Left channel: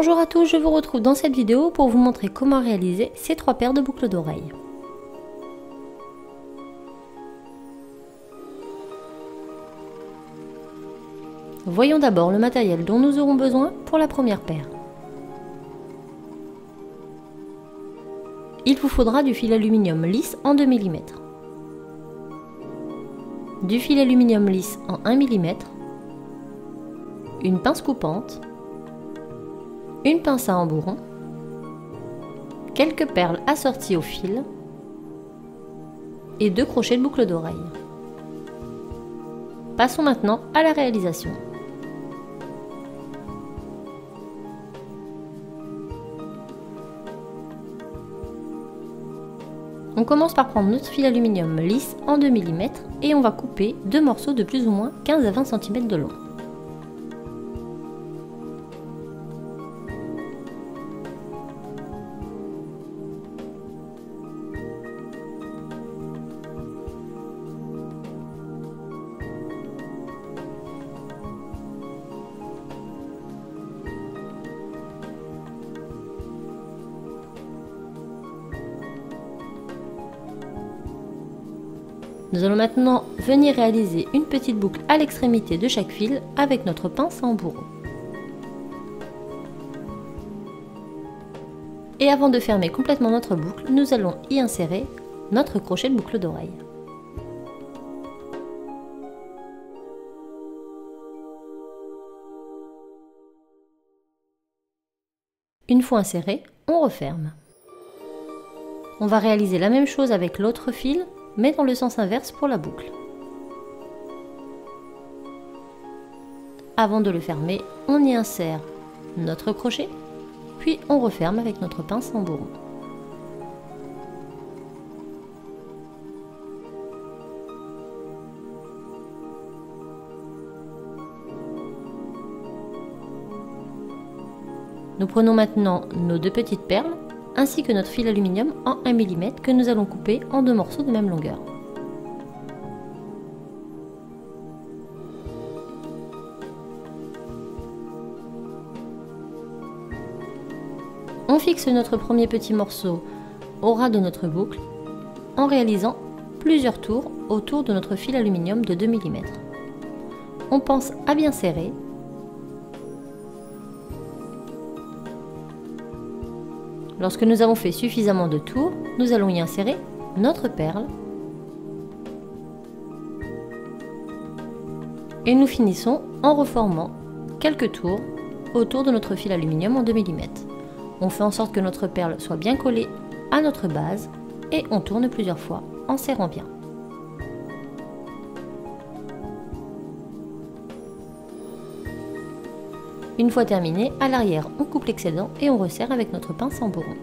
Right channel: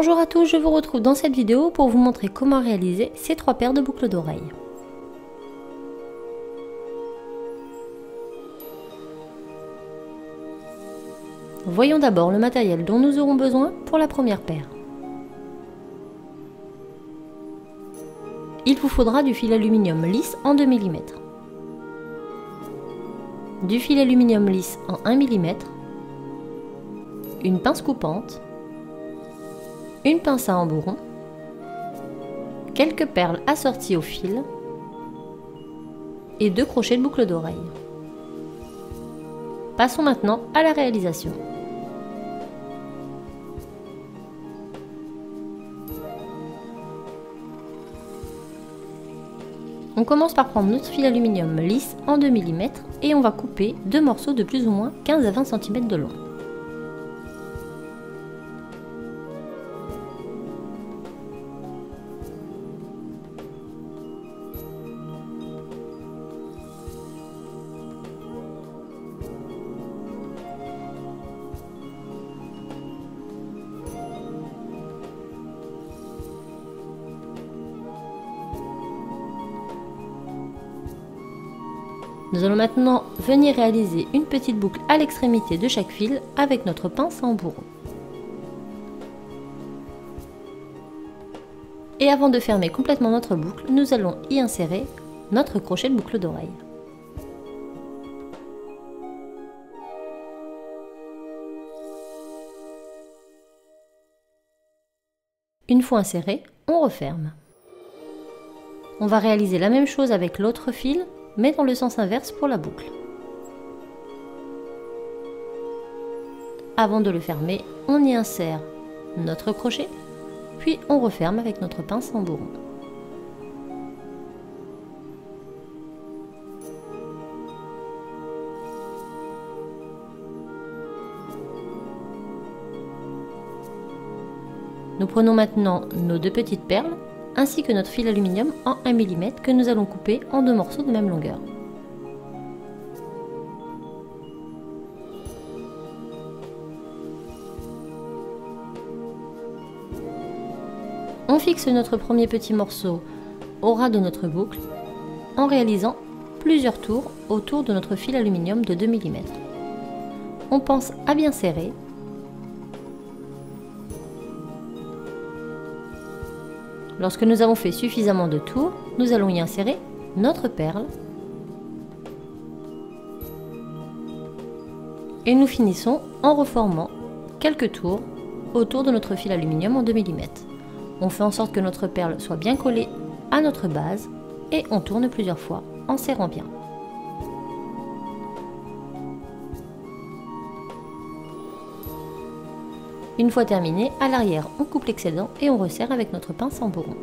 Bonjour à tous, je vous retrouve dans cette vidéo pour vous montrer comment réaliser ces 3 paires de boucles d'oreilles. Voyons d'abord le matériel dont nous aurons besoin pour la première paire. Il vous faudra du fil aluminium lisse en 2 mm, du fil aluminium lisse en 1 mm, une pince coupante, une pince à embourron, quelques perles assorties au fil et 2 crochets de boucle d'oreille. Passons maintenant à la réalisation. On commence par prendre notre fil aluminium lisse en 2 mm et on va couper 2 morceaux de plus ou moins 15 à 20 cm de long. Nous allons maintenant venir réaliser une petite boucle à l'extrémité de chaque fil avec notre pince à embourron. Et avant de fermer complètement notre boucle, nous allons y insérer notre crochet de boucle d'oreille. Une fois inséré, on referme. On va réaliser la même chose avec l'autre fil, mais dans le sens inverse pour la boucle. Avant de le fermer, on y insère notre crochet, puis on referme avec notre pince à embourron. Nous prenons maintenant nos 2 petites perles, ainsi que notre fil aluminium en 1 mm que nous allons couper en 2 morceaux de même longueur. On fixe notre premier petit morceau au ras de notre boucle en réalisant plusieurs tours autour de notre fil aluminium de 2 mm. On pense à bien serrer. Lorsque nous avons fait suffisamment de tours, nous allons y insérer notre perle et nous finissons en reformant quelques tours autour de notre fil aluminium en 2 mm. On fait en sorte que notre perle soit bien collée à notre base et on tourne plusieurs fois en serrant bien. Une fois terminé, à l'arrière, on coupe l'excédent et on resserre avec notre pince à embourron.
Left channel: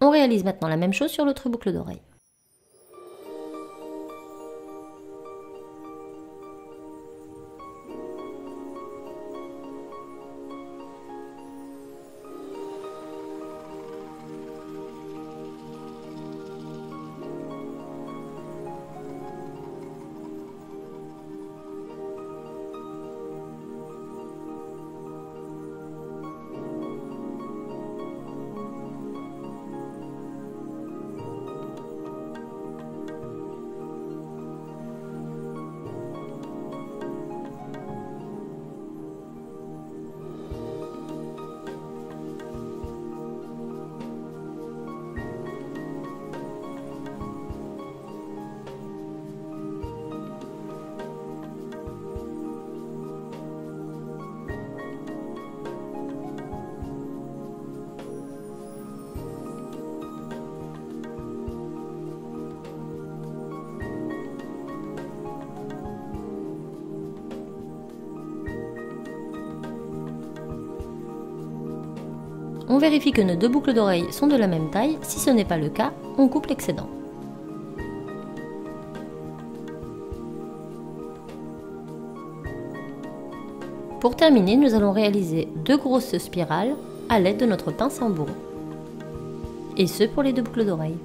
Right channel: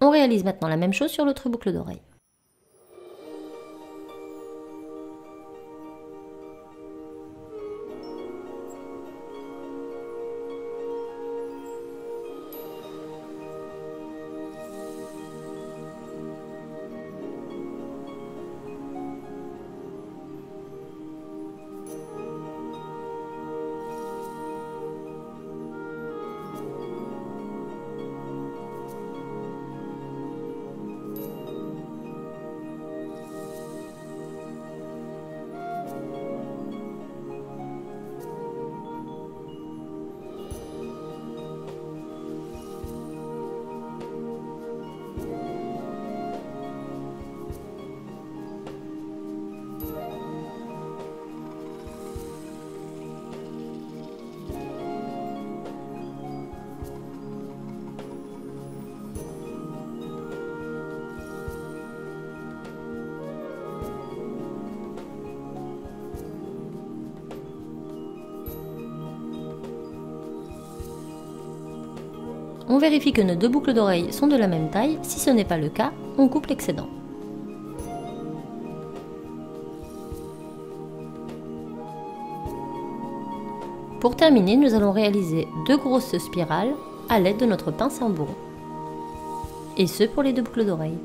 On réalise maintenant la même chose sur l'autre boucle d'oreille. On vérifie que nos 2 boucles d'oreilles sont de la même taille. Si ce n'est pas le cas, on coupe l'excédent. Pour terminer, nous allons réaliser 2 grosses spirales à l'aide de notre pince à embourron. Et ce pour les 2 boucles d'oreilles.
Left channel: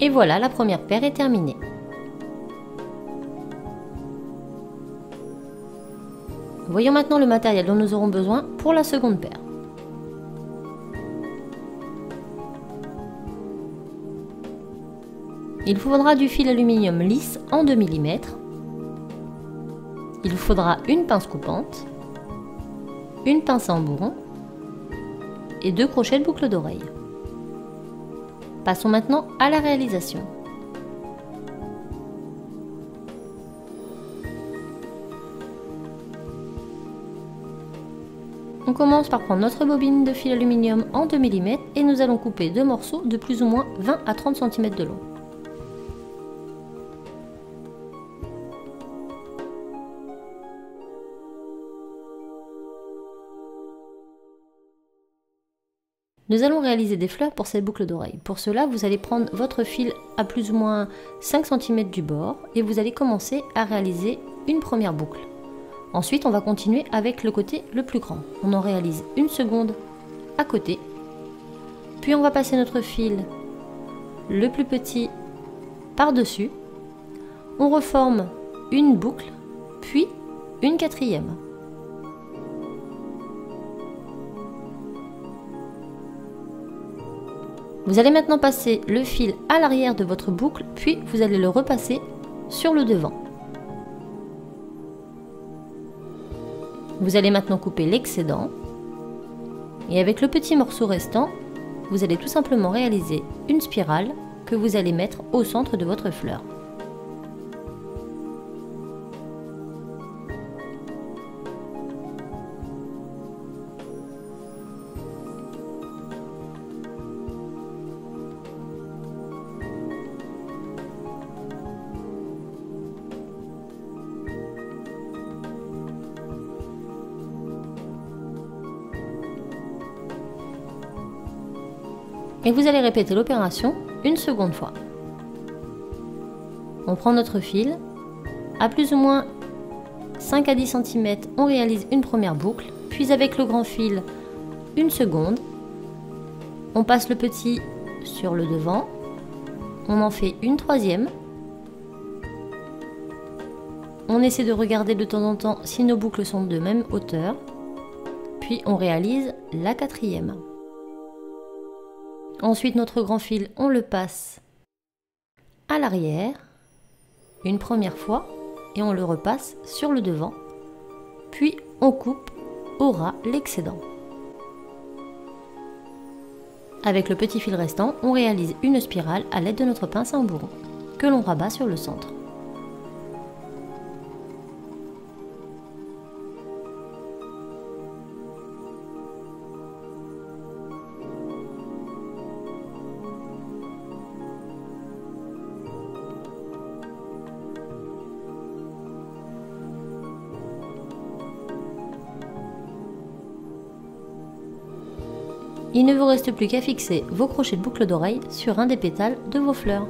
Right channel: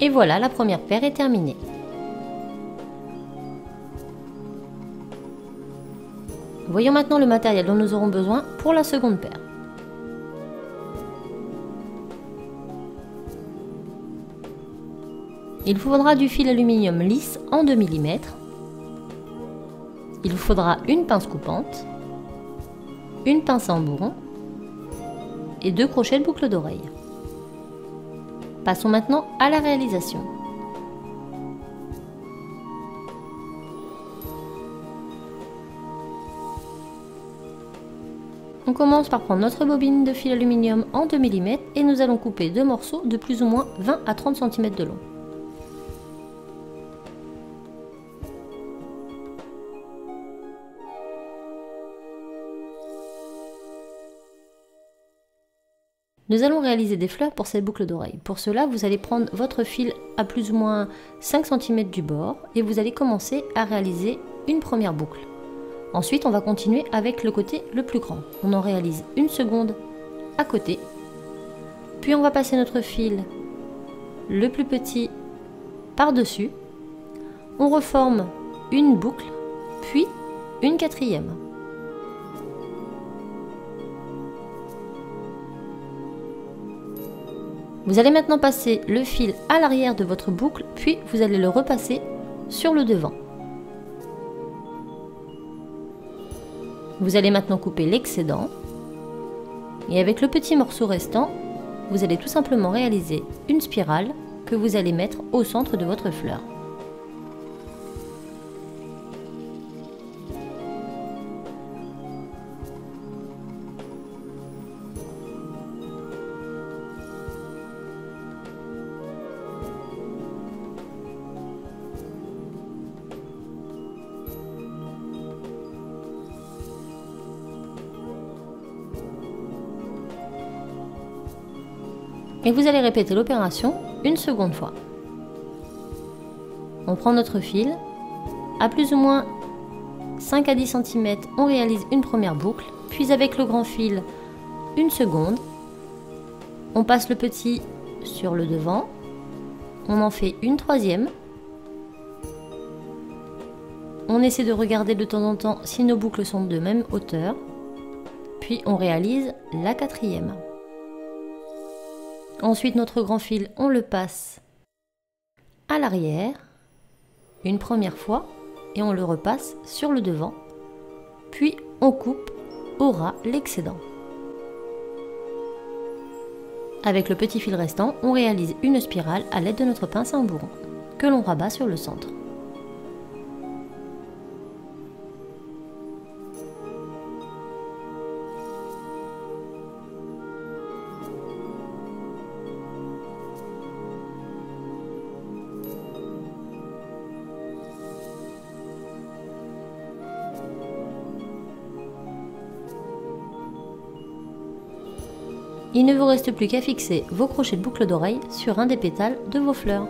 Et voilà, la première paire est terminée. Voyons maintenant le matériel dont nous aurons besoin pour la seconde paire. Il vous faudra du fil aluminium lisse en 2 mm. Il vous faudra une pince coupante, une pince à embourron et 2 crochets de boucle d'oreille. Passons maintenant à la réalisation. On commence par prendre notre bobine de fil aluminium en 2 mm et nous allons couper 2 morceaux de plus ou moins 20 à 30 cm de long. Nous allons réaliser des fleurs pour cette boucle d'oreille. Pour cela, vous allez prendre votre fil à plus ou moins 5 cm du bord et vous allez commencer à réaliser une première boucle. Ensuite, on va continuer avec le côté le plus grand. On en réalise une seconde à côté. Puis on va passer notre fil le plus petit par-dessus. On reforme une boucle, puis une quatrième. Vous allez maintenant passer le fil à l'arrière de votre boucle, puis vous allez le repasser sur le devant. Vous allez maintenant couper l'excédent. Et avec le petit morceau restant, vous allez tout simplement réaliser une spirale que vous allez mettre au centre de votre fleur. Et vous allez répéter l'opération une seconde fois. On prend notre fil, à plus ou moins 5 à 10 cm, on réalise une première boucle, puis avec le grand fil, une seconde. On passe le petit sur le devant, on en fait une troisième. On essaie de regarder de temps en temps si nos boucles sont de même hauteur, puis on réalise la quatrième. Ensuite, notre grand fil, on le passe à l'arrière, une première fois, et on le repasse sur le devant, puis on coupe au ras l'excédent. Avec le petit fil restant, on réalise une spirale à l'aide de notre pince à embourron, que l'on rabat sur le centre. Il ne vous reste plus qu'à fixer vos crochets de boucle d'oreille sur un des pétales de vos fleurs.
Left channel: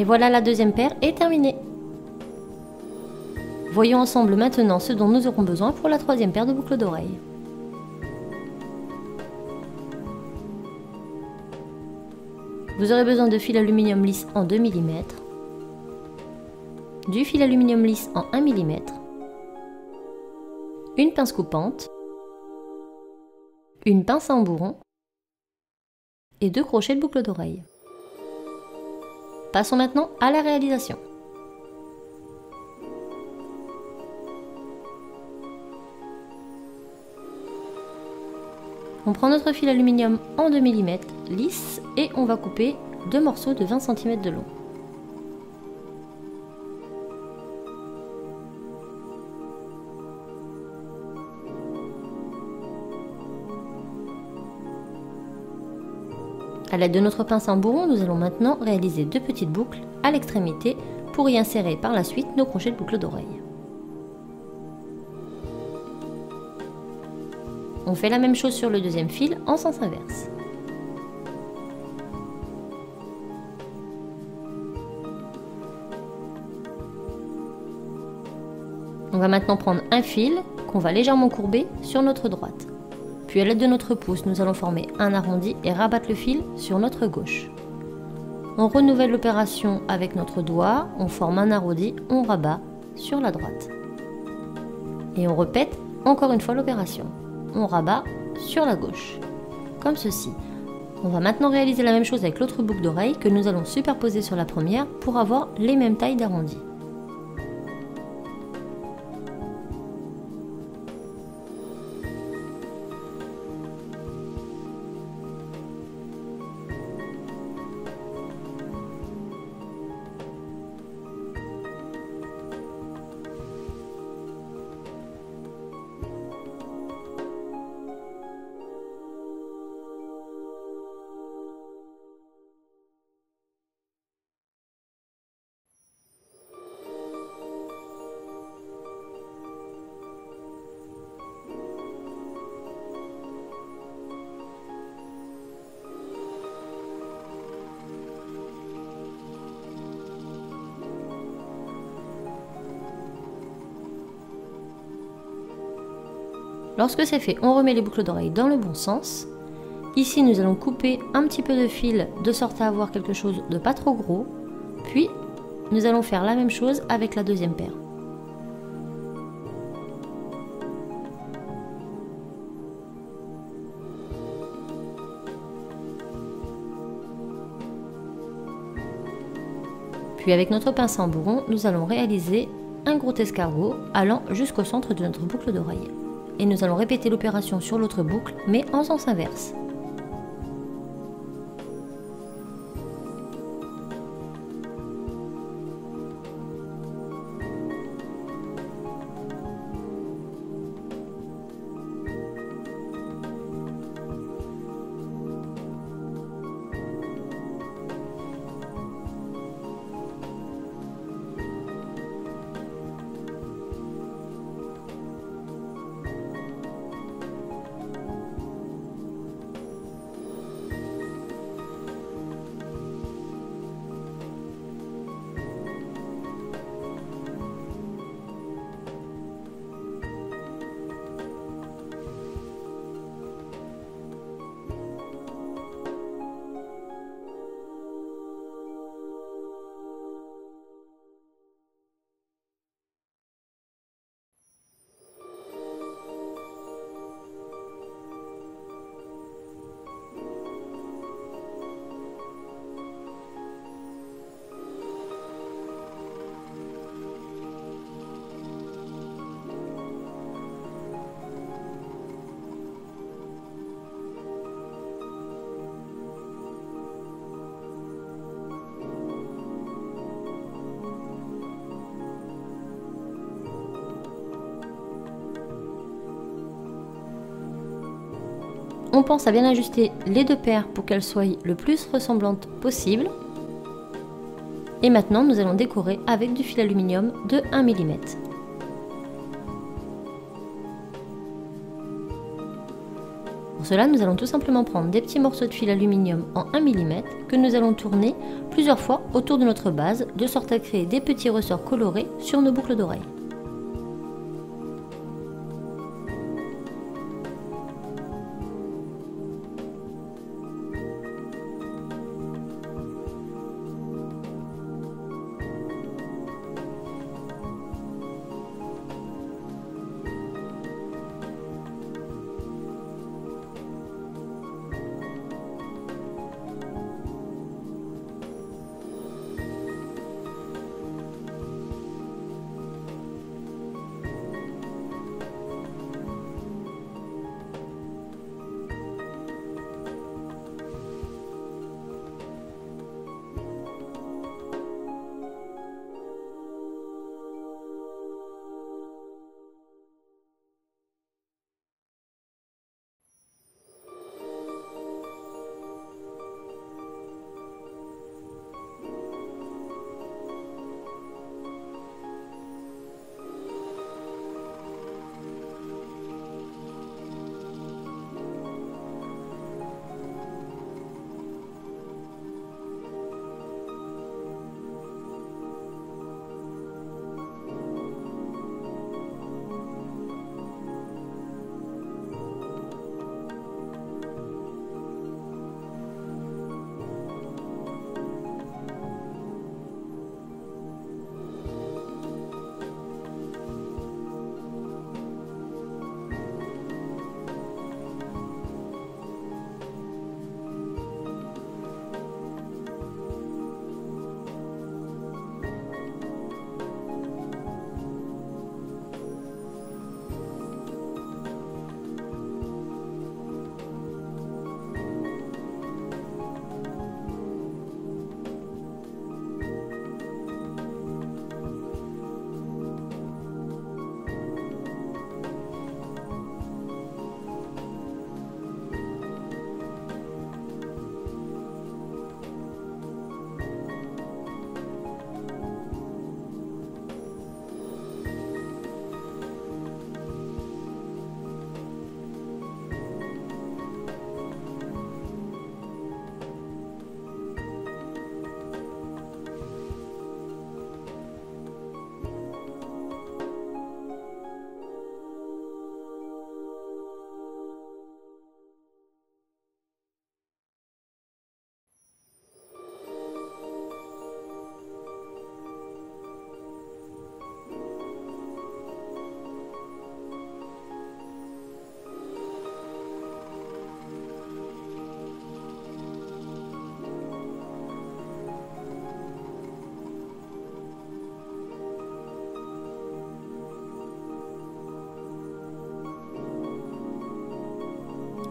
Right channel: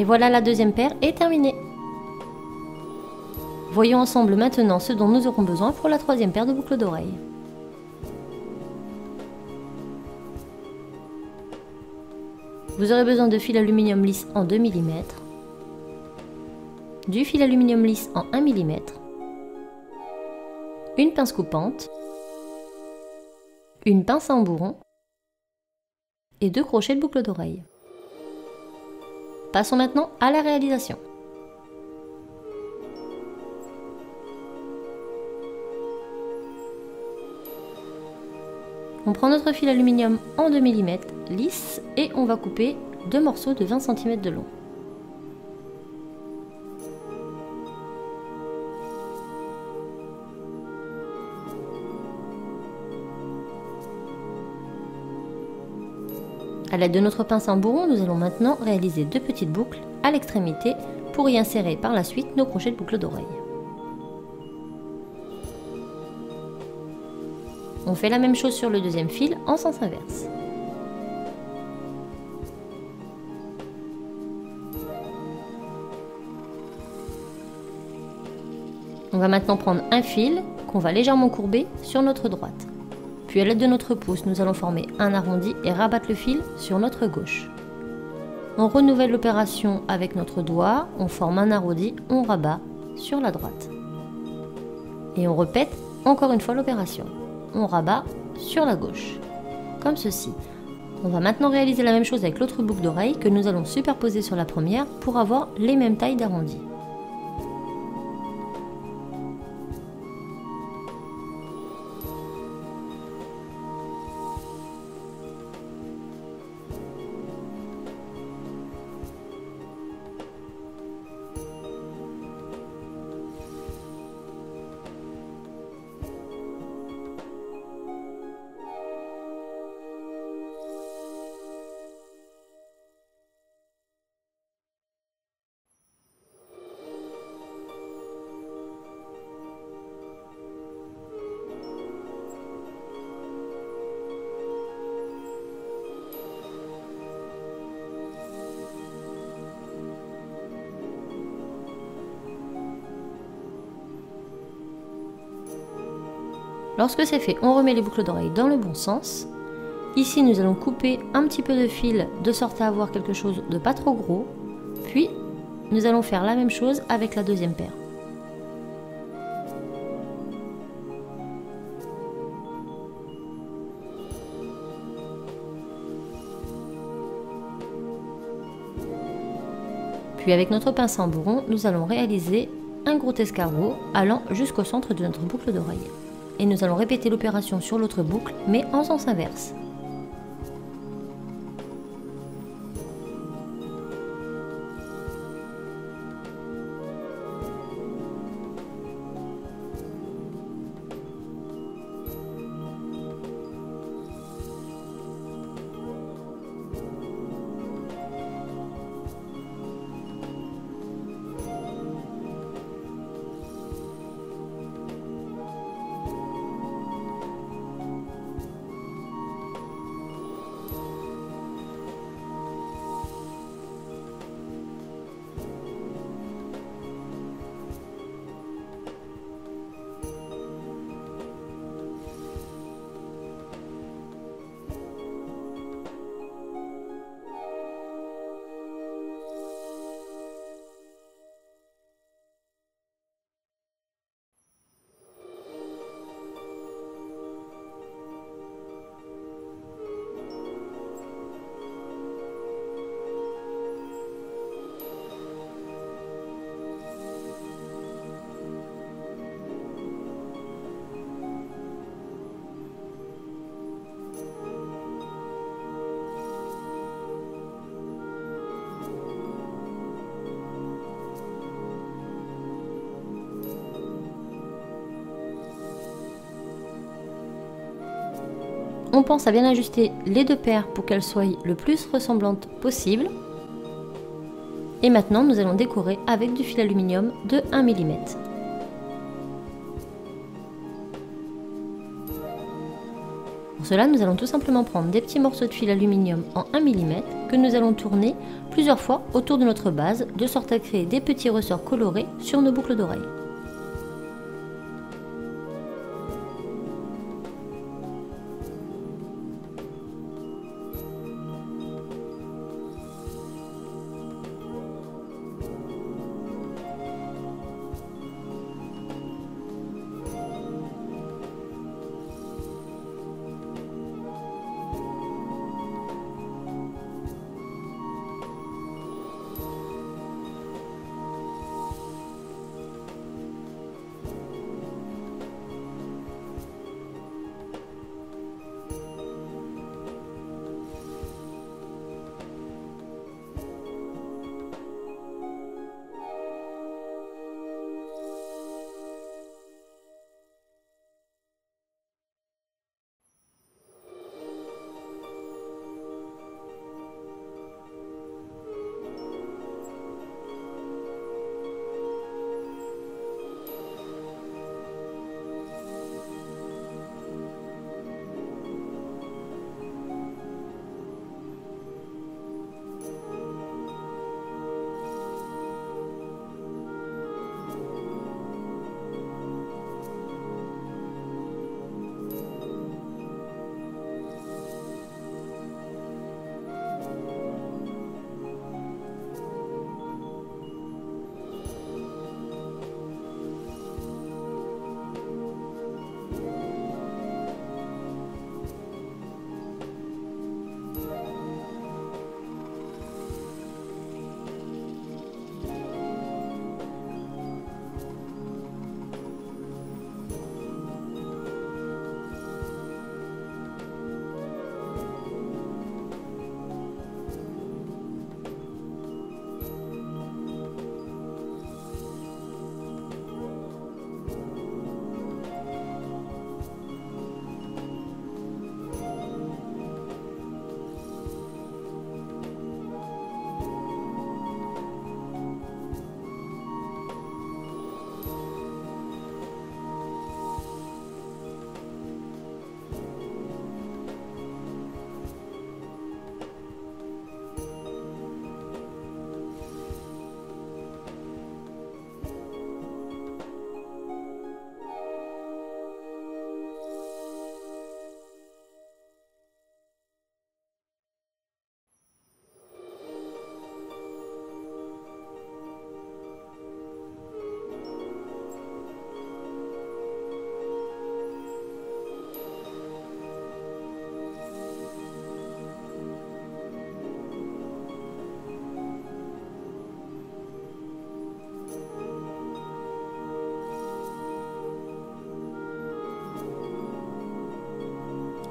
Et voilà, la deuxième paire est terminée. Voyons ensemble maintenant ce dont nous aurons besoin pour la troisième paire de boucles d'oreilles. Vous aurez besoin de fil aluminium lisse en 2 mm, du fil aluminium lisse en 1 mm, une pince coupante, une pince à embourron et 2 crochets de boucle d'oreille. Passons maintenant à la réalisation. On prend notre fil aluminium en 2 mm lisse et on va couper 2 morceaux de 20 cm de long. A l'aide de notre pince à embourron, nous allons maintenant réaliser 2 petites boucles à l'extrémité pour y insérer par la suite nos crochets de boucle d'oreille. On fait la même chose sur le deuxième fil en sens inverse. On va maintenant prendre un fil qu'on va légèrement courber sur notre droite. Puis à l'aide de notre pouce, nous allons former un arrondi et rabattre le fil sur notre gauche. On renouvelle l'opération avec notre doigt, on forme un arrondi, on rabat sur la droite. Et on répète encore une fois l'opération. On rabat sur la gauche, comme ceci. On va maintenant réaliser la même chose avec l'autre boucle d'oreille que nous allons superposer sur la première pour avoir les mêmes tailles d'arrondis. Lorsque c'est fait, on remet les boucles d'oreilles dans le bon sens. Ici, nous allons couper un petit peu de fil de sorte à avoir quelque chose de pas trop gros. Puis, nous allons faire la même chose avec la deuxième paire. Puis avec notre pince à embourron, nous allons réaliser un gros escargot allant jusqu'au centre de notre boucle d'oreille. Et nous allons répéter l'opération sur l'autre boucle, mais en sens inverse. On pense à bien ajuster les 2 paires pour qu'elles soient le plus ressemblantes possible. Et maintenant, nous allons décorer avec du fil aluminium de 1 mm. cela, nous allons tout simplement prendre des petits morceaux de fil aluminium en 1 mm que nous allons tourner plusieurs fois autour de notre base, de sorte à créer des petits ressorts colorés sur nos boucles d'oreilles.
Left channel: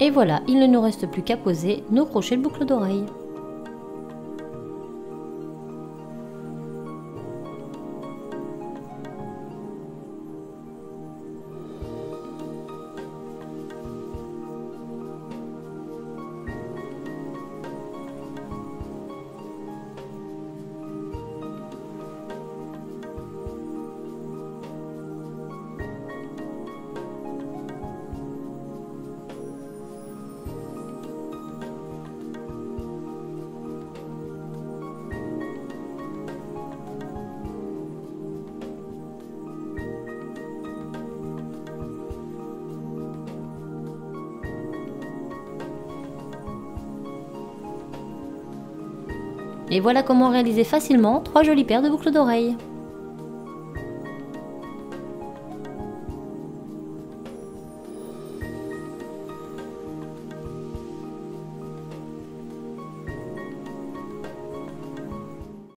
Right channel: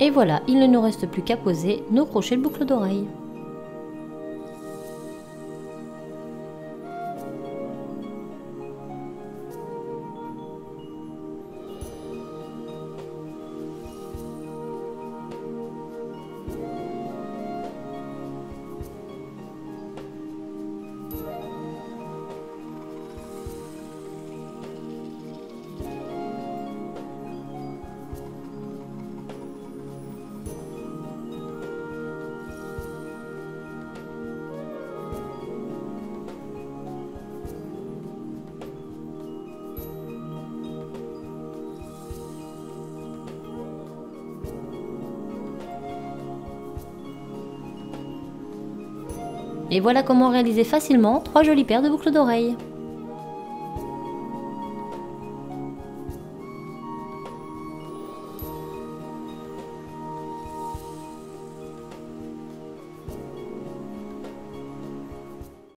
Et voilà, il ne nous reste plus qu'à poser nos crochets de boucle d'oreille. Et voilà comment réaliser facilement 3 jolies paires de boucles d'oreilles.